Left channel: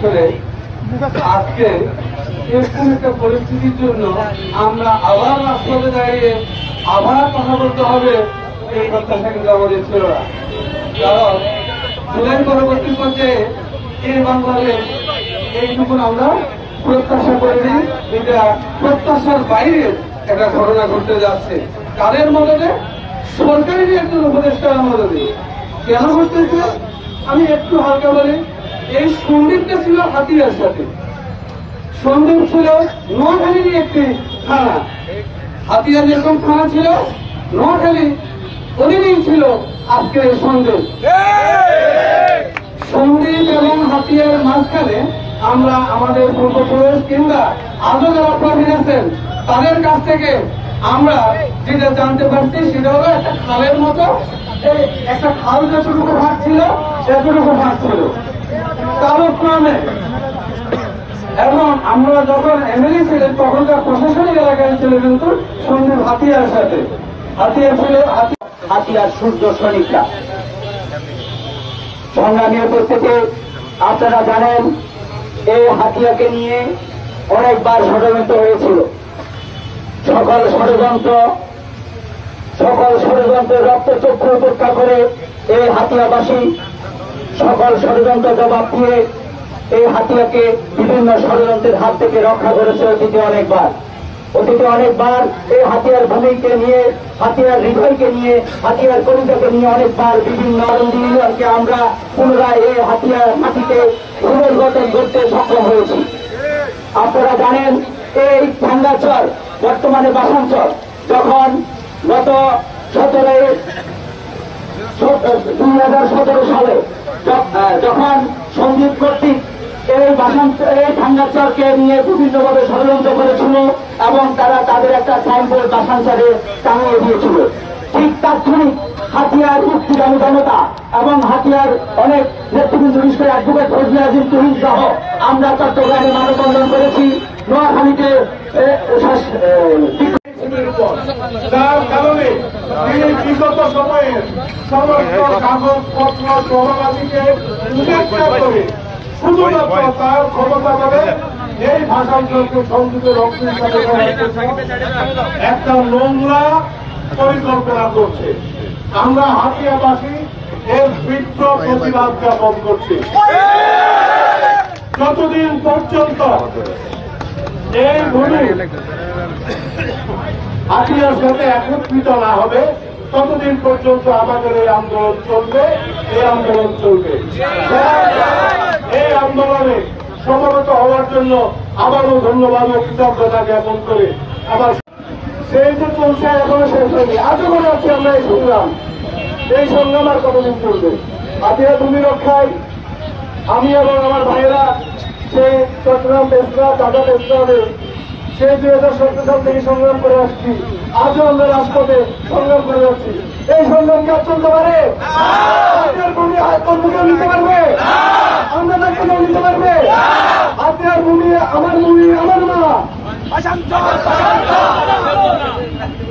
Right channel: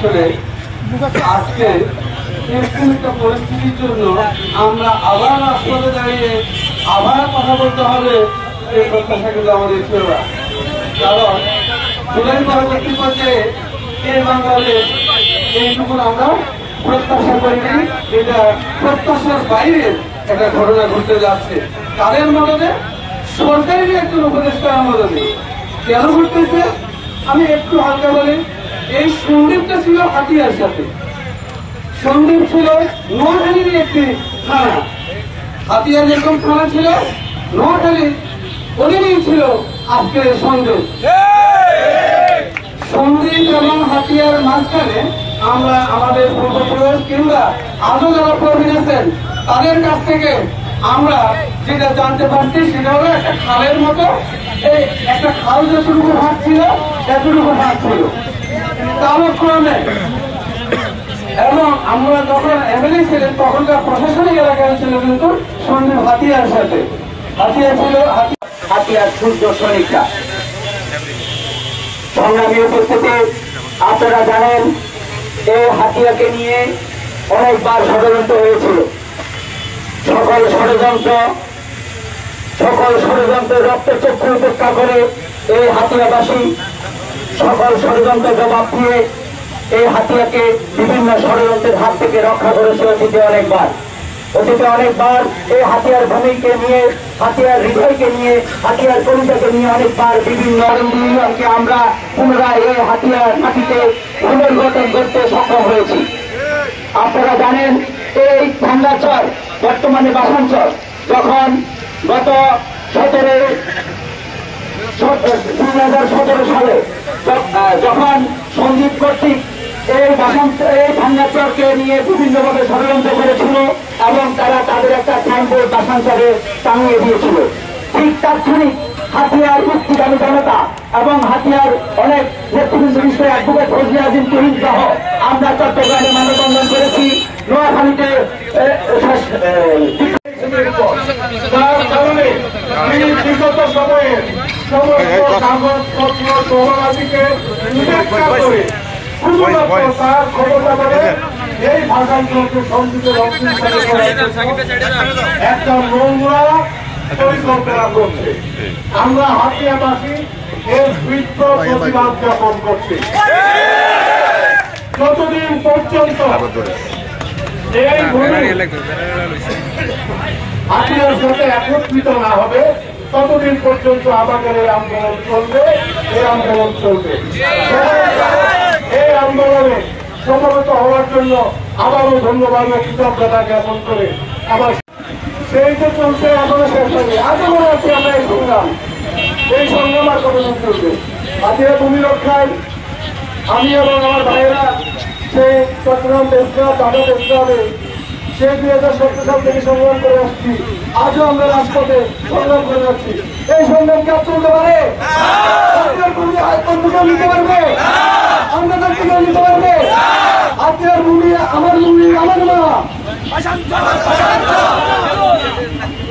আসলে আজকে এরকম একটা পরিস্থিতির জন্য আমরা আবার রাস্তাতে দাঁড়িয়ে আবার কথা বলতে হবে, এই প্রত্যাশা কিন্তু আমাদের ছিল না। কারণ জুলাই পরবর্তী পর্যায়ে এই বাংলাদেশ এইটুকু আমরা প্রত্যাশা করিনি। এটা প্রত্যাশার বাইরে একটা ঘটনা ঘটতে যাচ্ছে। কাদের মদদে? সরকারের একজন উপদেষ্টার মদদে। কেন ঘটতেছে আমি একটু হালকা বলি। এই সন্দীপটা ছিল হাতিয়ার সাথে, সন্দীপ ছিল নোয়াখালীর একটি থানা। হাতিয়ার যেরকম থানা ছিল, নোয়াখালী ওদিকেই ছিল আজকের সন্দীপ। সন্দীপ এবং হাতিয়ার মাঝখানে আমরা আমাদের পূর্বপুরুষ কিংবা আজও যারা প্রবীণ আছেন তাদের কাছ থেকে আমরা যেটা জানতে পারছি সেটা হলো একটা খালের মতো, এই একটা খাল যতটুকু ভাগ ছিল এতটুকু ভাগ ছিল কালক্রমে। এবং আমরা যখন এমএলএ ছিলেন তখনকার প্রশাসনিক এলাকায় ছিল কিন্তু সন্দীপ হাতিয়ার সাথে। হাতিয়ার ছিল হাতিয়ার সূর্য সৈনিকরা। সংগ্রামী উপস্থিতি, আপনারা জানেন এই হাতিয়াকে নিয়ে অনেকবার ষড়যন্ত্র হয়েছিল। সকল ষড়যন্ত্রের রক্তচক্ষু উপেক্ষা করে এই হাতিয়াবাসী সকল ষড়যন্ত্র জবাব দিয়ে এই হাতিয়াকে বিভিন্ন ষড়যন্ত্রের হাত থেকে রক্ষা করেছে অতীতে অনেকবার এই হাতিয়ার ভূমিকে নিয়ে, হাতিয়ার হৃদয়কে নিয়ে, হাতিয়ার পরিচয়কে নিয়ে অনেকবার বিভিন্ন ইউনিয়নকে আমরা পুনরায় এই হাতিয়ার মাটিতে পুনর্গঠন করতে সক্ষম হয়েছি। আপনারা জানেন এই ভাঙ্গাচর বর্তমানে বাসাঞ্চল, যখন গত 2017 সালে যখন সন্দীপ কর্তৃক এই ভাঙ্গাচরকে নিয়ে বিভিন্নভাবে ষড়যন্ত্র করেছিল এবং তারা তাদের একটা সাইনবোর্ড বাসাঞ্চলে টাঙিয়ে দিয়েছিল, ঠিক তাৎক্ষণিক হাতিয়ার মুক্তিগামী জনতা এবং হাতিয়ার অনেক নেতৃবৃন্দ বিশেষ অ্যাডভোকেট ফজলে আজিম তুহিন সহ আমরা চট্টগ্রামে মানববন্ধন করেছি, নোয়াখালীতে যার কারণে বিগত সময়ে সমস্ত কাগজপত্র সহকারীকে উপেক্ষা করে শুধুমাত্র তার ক্ষমতা বলে এই ভাষাগুলোকে সংযুক্ত একটা নোংরা পরিকল্পনা করছে। আমরা হাতিয়াবাসী এর তীব্র প্রতিবাদ জ্ঞাপন করছি। যতদিন পর্যন্ত এই ভূমি হাতিয়ার সাথে একত্রিত না হবে ততদিন পর্যন্ত আমাদের এই আন্দোলন চলবে। এই আন্দোলনে সমবেত হওয়ার জন্য আবারও ধন্যবাদ ও কৃতজ্ঞতা জ্ঞাপন করে আমার সেই যে চলছে এখনো শেষ হয়নি। আজও মনে হচ্ছে আমরা এই সংগ্রাম আর কতদিন চলবে। হাতিয়া ভূমি রক্ষায় আমি এবং আমার ভাইয়েরা সেই চট্টগ্রাম প্রেসক্লাব, ঢাকা প্রেসক্লাবে সেই 2017 সাল থেকে সংগ্রাম করে আসছি। আজও আমরা রাজপথে সংগ্রাম করে যাচ্ছি। এই সংগ্রাম কাজ চলতে পারে, হাতিয়ার ভূমি বন্ধুকেও নিতে পারবে, আমরা তাকে নিতে পারবে। হাতিয়ার ভূমি আমার ভূমি, আমার মা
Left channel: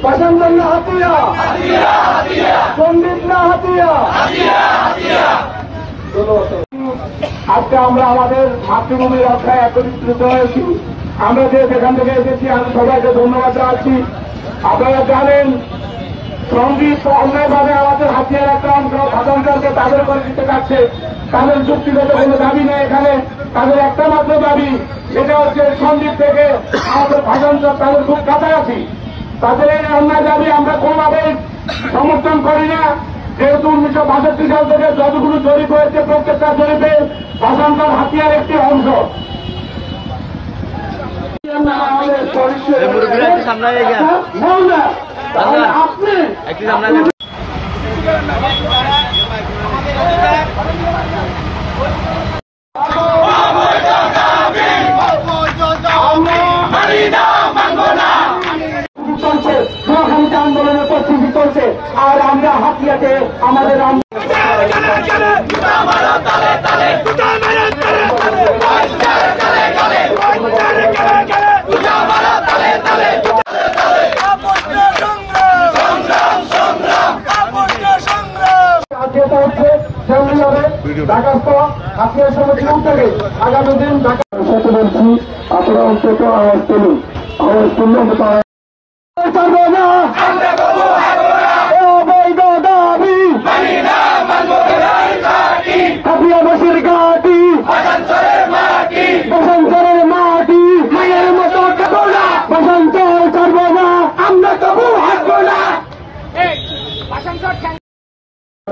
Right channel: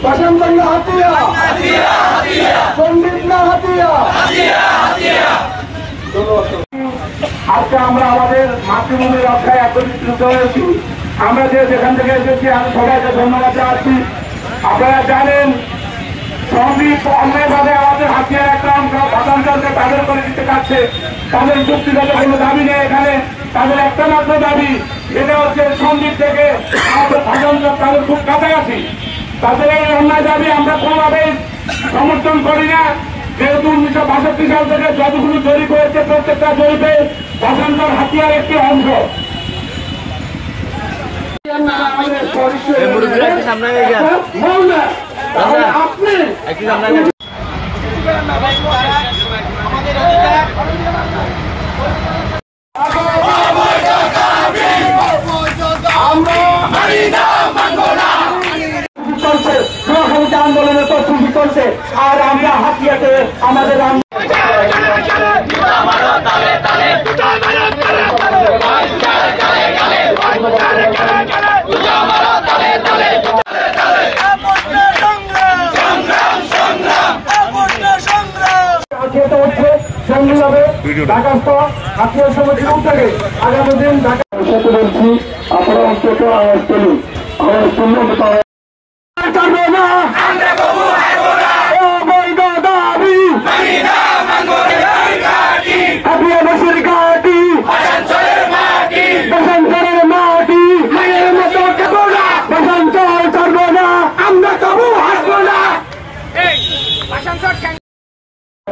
বাসান্তর না হাতিয়া, পণ্ডিত না হাতিয়া। আজকে আমরা আমাদের মাতৃভূমি রক্ষায় একত্রিত হয়েছি। আমরা যেখান থেকে এসেছি আমি সবাইকে ধন্যবাদ জানাচ্ছি। আপনারা জানেন সন্দীপ অন্যায়ভাবে আমাদের হাতিয়ার একটা অংশ ভাষান্তরকে তাদের করে দিতে চাচ্ছে। তাদের যুক্তিগত কোনো দাবি নেই এখানে, তাদের একটা মাত্র দাবি, সেটা হচ্ছে সন্দীপ থেকে আমাদের ভাষান্তর তাদের খুব কাছাকাছি। তাদের এই অন্যায় দাবি আমরা কোনোভাবেই সমর্থন করি না। যেহেতু 1962 সাল থেকে যতগুলো জরিপ হয়েছে প্রত্যেকটা জরিপে ভাষান্তর হাতিয়ার একটি অংশ। আন্দোলনের প্রস্তুতি চলছে আর আমরা হাতিয়াতে আমাদের যেটা হচ্ছে সামনে যাবে ঢাকাস্থ হাতিয়ার সমিতির উদ্যোগে আগামী দিন ঢাকা সাথে বলছি আপনারা অন্তত আওয়াজ তুলুন আওয়াজ তুললে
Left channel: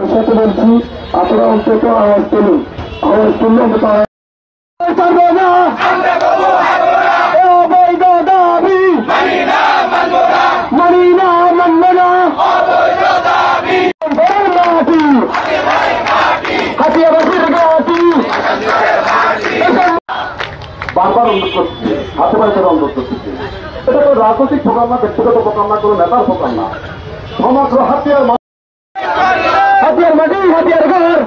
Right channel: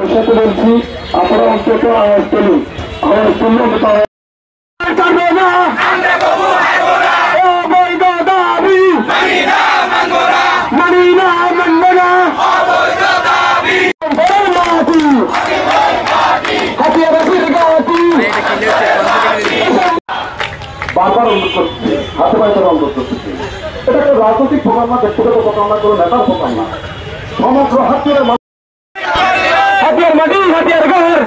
সাথে বলছি আপনারা অন্তত আওয়াজ তুলুন আওয়াজ তুললে বারবার অনুরোধ করছি হাতে পায়ে তারা অনুরোধ করতেছি এটা কোনো রাজনৈতিক প্রোগ্রাম না ব্যক্তিগত প্রোগ্রাম না কোনো নেতার প্রোগ্রাম না সমগ্র হাতিয়ার হাতিয়ার মাটি হাতিয়ার ঘর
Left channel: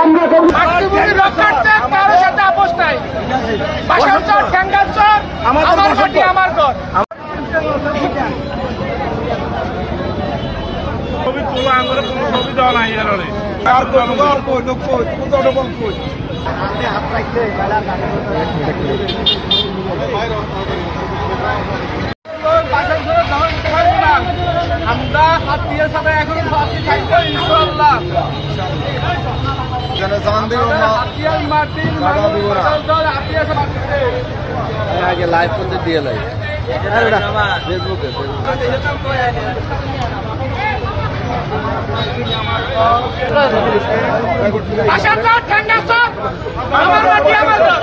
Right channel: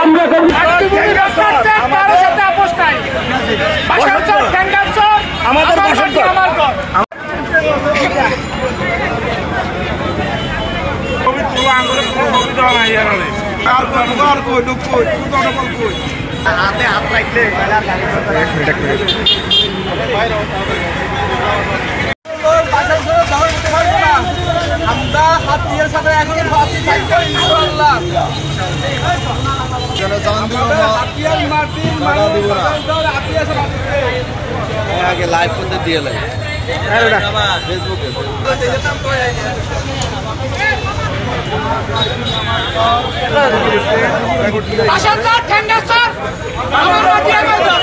আমরা কারো সাথে আপোষ নাই বাসার চর ঠ্যাঙ্গার চর আমার মাটি আমার ঘর ছবি তোলা আঙ্গুলে কোনো ছবি দেওয়া নাই হাতে হাত রাখলে আমরা হাতিয়ার সাথে এখন ফাঁসি থাকবো ইনশাআল্লাহ যেন জান দিব টাকা দিব না আগে লাইভ করতে দিয়ে লাগে ফেসবুকে আশা স্যার ঠান্ডা স্যার আমার মাটি আমার ঘর